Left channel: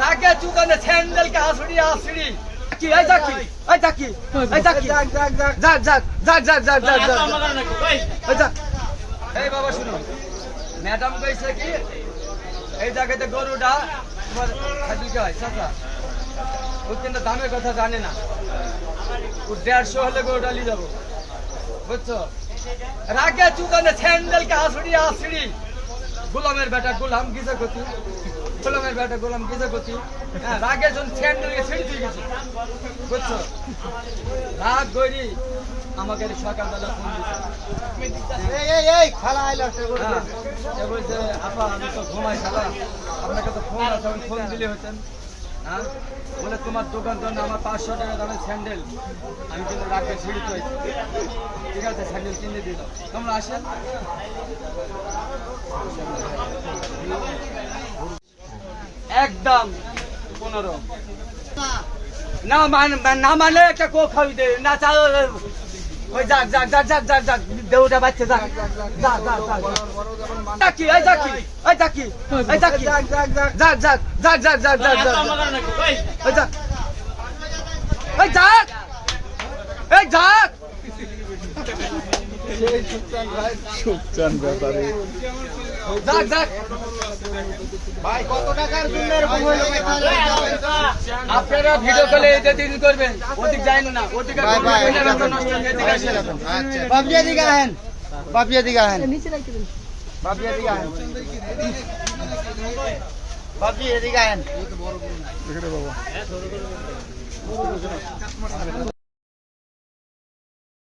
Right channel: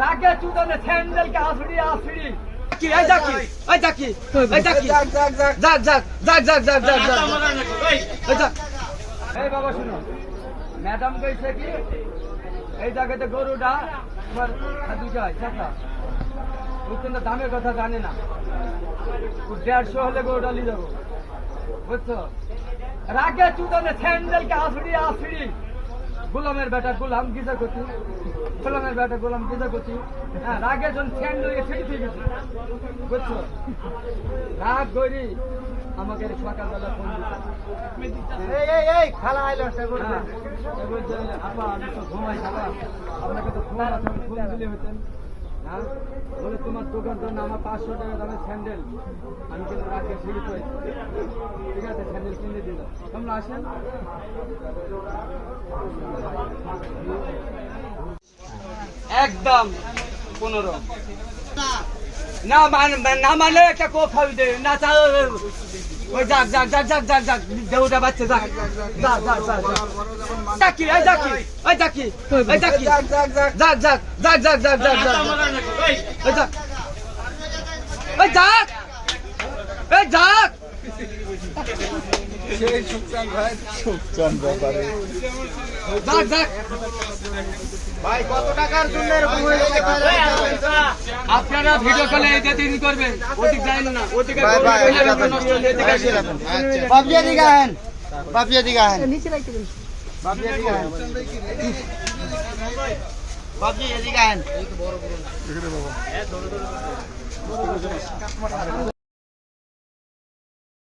রাগে চুদানে স্যান্ডেল কে আসড়ি আসড়ি কি এই দেখি এই দেখি এই দেখি যাক যাক যাক যাক যাক যাক যাক যাক যাক এই যাক এই বাবা শুনো ম্যাডাম কইছে কি এই জায়গাতে গরুটা তোমার খাদি গায় চাচা ও কিন্তু দামের কথা জানে না ও 150 হলে গরুটা নিয়ে যাবো বুঝছো রাগে চুদানে স্যান্ডেল কে আসড়ি আসড়ি গোলামের বেটা গোলাম কিসে গতি গোলামের বেটা গোলাম কিসে গতি হ্যাঁ রাগে যখন স্যান্ডেলকে ছেড়ে দিয়ে গেছে বুঝছো রাগ গরি আমাকে সকালবেলা ফোন দিচ্ছে এই খালা আইলো সে বলছে আপা আমি তো ঘুমাই খালা আপনাকে তো ফোন আছে আমি ফোন দিলে হতেন হ্যাঁ বলে তোমার দোকান জন্য আমার 500 টাকা দামের স্যান্ডেল আমি কিন্তু রাগে ছিঁড়ে তো ঠিক আছে স্যান্ডেল কিনে দিল তোমরা আসেন একদম 15 না মানে একটা কো খাওয়াই দে না চা ওই যাক যাক যাক যাক যাক যাক দেউটা বাচ্চা যাক যাক যাক যাক ডাকি এই ডাকি এই ডাকি এই ডাকি যাক যাক যাক যাক যাক যাক যাক যাক যাক এই যাক এই যাক এই যাক সেই সুকচান ব্যাপারে যাক যাক ভাই কত টাকার জন্য এরকম হলো আপনারা ভিডিও কলে এটা দিন করবেন ওদিক যাবেন না ওদিকে এদিকে আসেন বাপিয়া দিকে আহেন বাপিয়া দিকে আহেন নিচে রাখতে দিন বাপিয়া দিকে আহেন বাপিয়া দিকে আহেন এই তো বড় বড় এখানে বাবা